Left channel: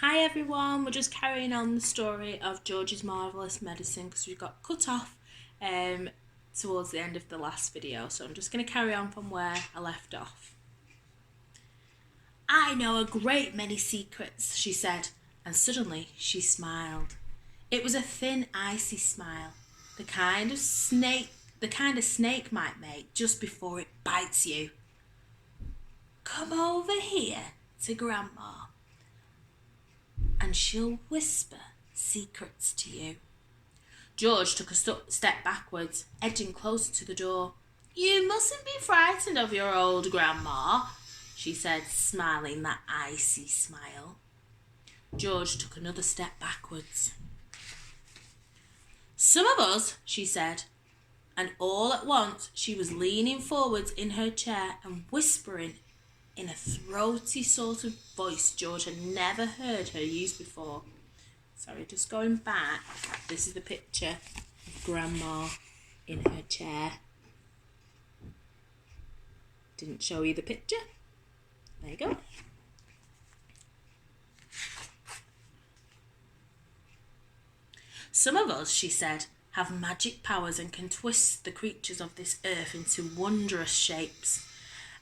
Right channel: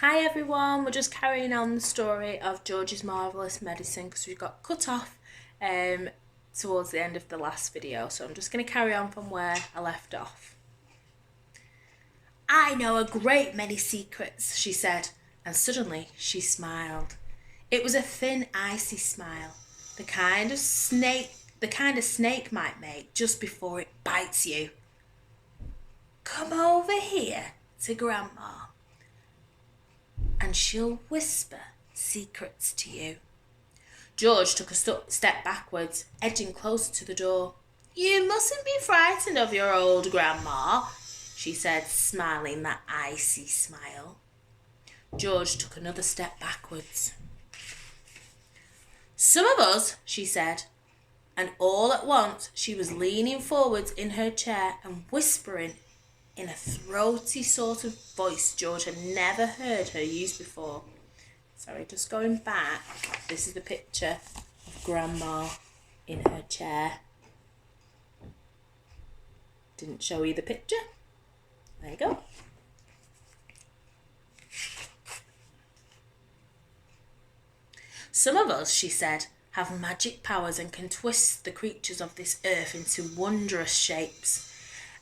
Hi everyone, we're just carrying on the story of George's Marvellous Medicine because we got cut off towards the end of the last video, so I'm just going to carry on from where I left off. I know a great many secrets, she said, and suddenly she smiled. It was a thin, icy smile, the kind of snake might make just before it bites you. Come over here to Grandma, and she'll whisper secrets to you. George took a step backwards, edging closer to the door. You mustn't be frightened of your old grandma, she said, smiling that icy smile. George took another step backwards. Some of us, she said, and all at once she was leaning forwards in her chair and whispering in a throaty sort of voice George had never heard her use before. Sorry, just going back. This is the picture of Grandma in her chair. Didn't show you the picture. There you go. Some of us, she said, have magic powers and can twist the creatures of this earth into wondrous shapes.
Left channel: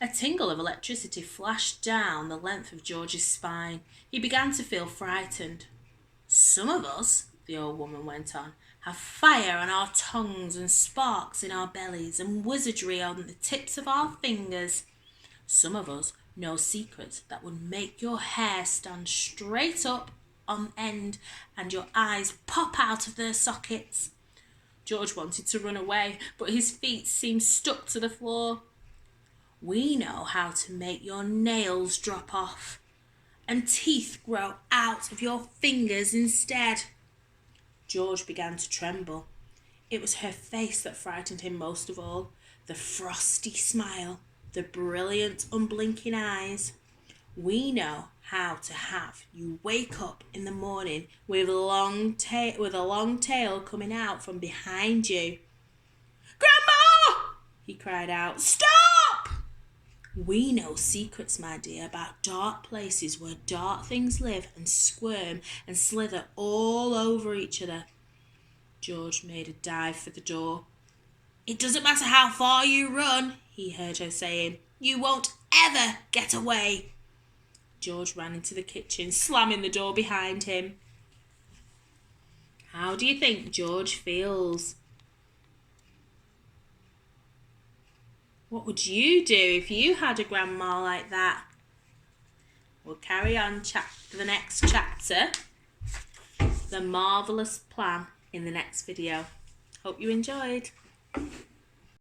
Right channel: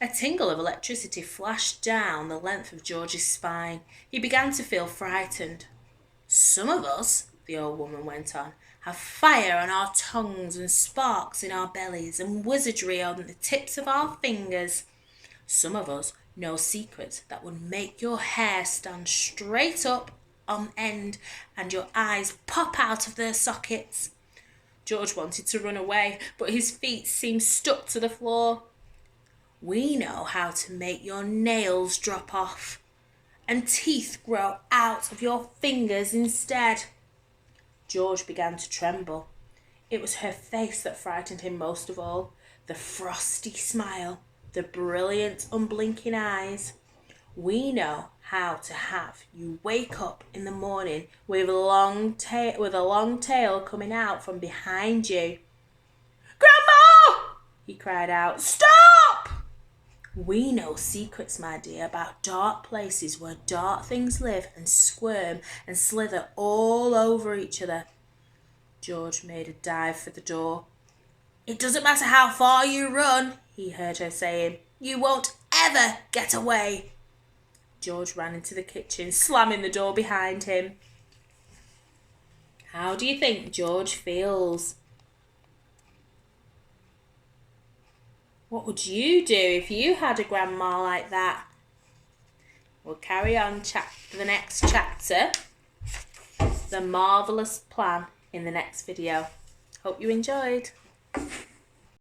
A tingle of electricity flashed down the length of George's spine. He began to feel frightened. Some of us, the old woman went on, have fire on our tongues and sparks in our bellies and wizardry on the tips of our fingers. Some of us know secrets that would make your hair stand straight up on end and your eyes pop out of their sockets. George wanted to run away, but his feet seemed stuck to the floor. We know how to make your nails drop off and teeth grow out of your fingers instead. George began to tremble. It was her face that frightened him most of all, the frosty smile, the brilliant, unblinking eyes. We know how to have you wake up in the morning with a long tail coming out from behind you. Grandma! He cried out. Stop! We know secrets, my dear, about dark places where dark things live and squirm and slither all over each other. George made a dive for the door. It doesn't matter how far you run, he heard her saying. You won't ever get away. George ran into the kitchen, slamming the door behind him. How do you think George feels? What would you do if you had a grandma like that? We'll carry on the next chapter, The Marvellous Plan, in the next video. Hope you enjoyed.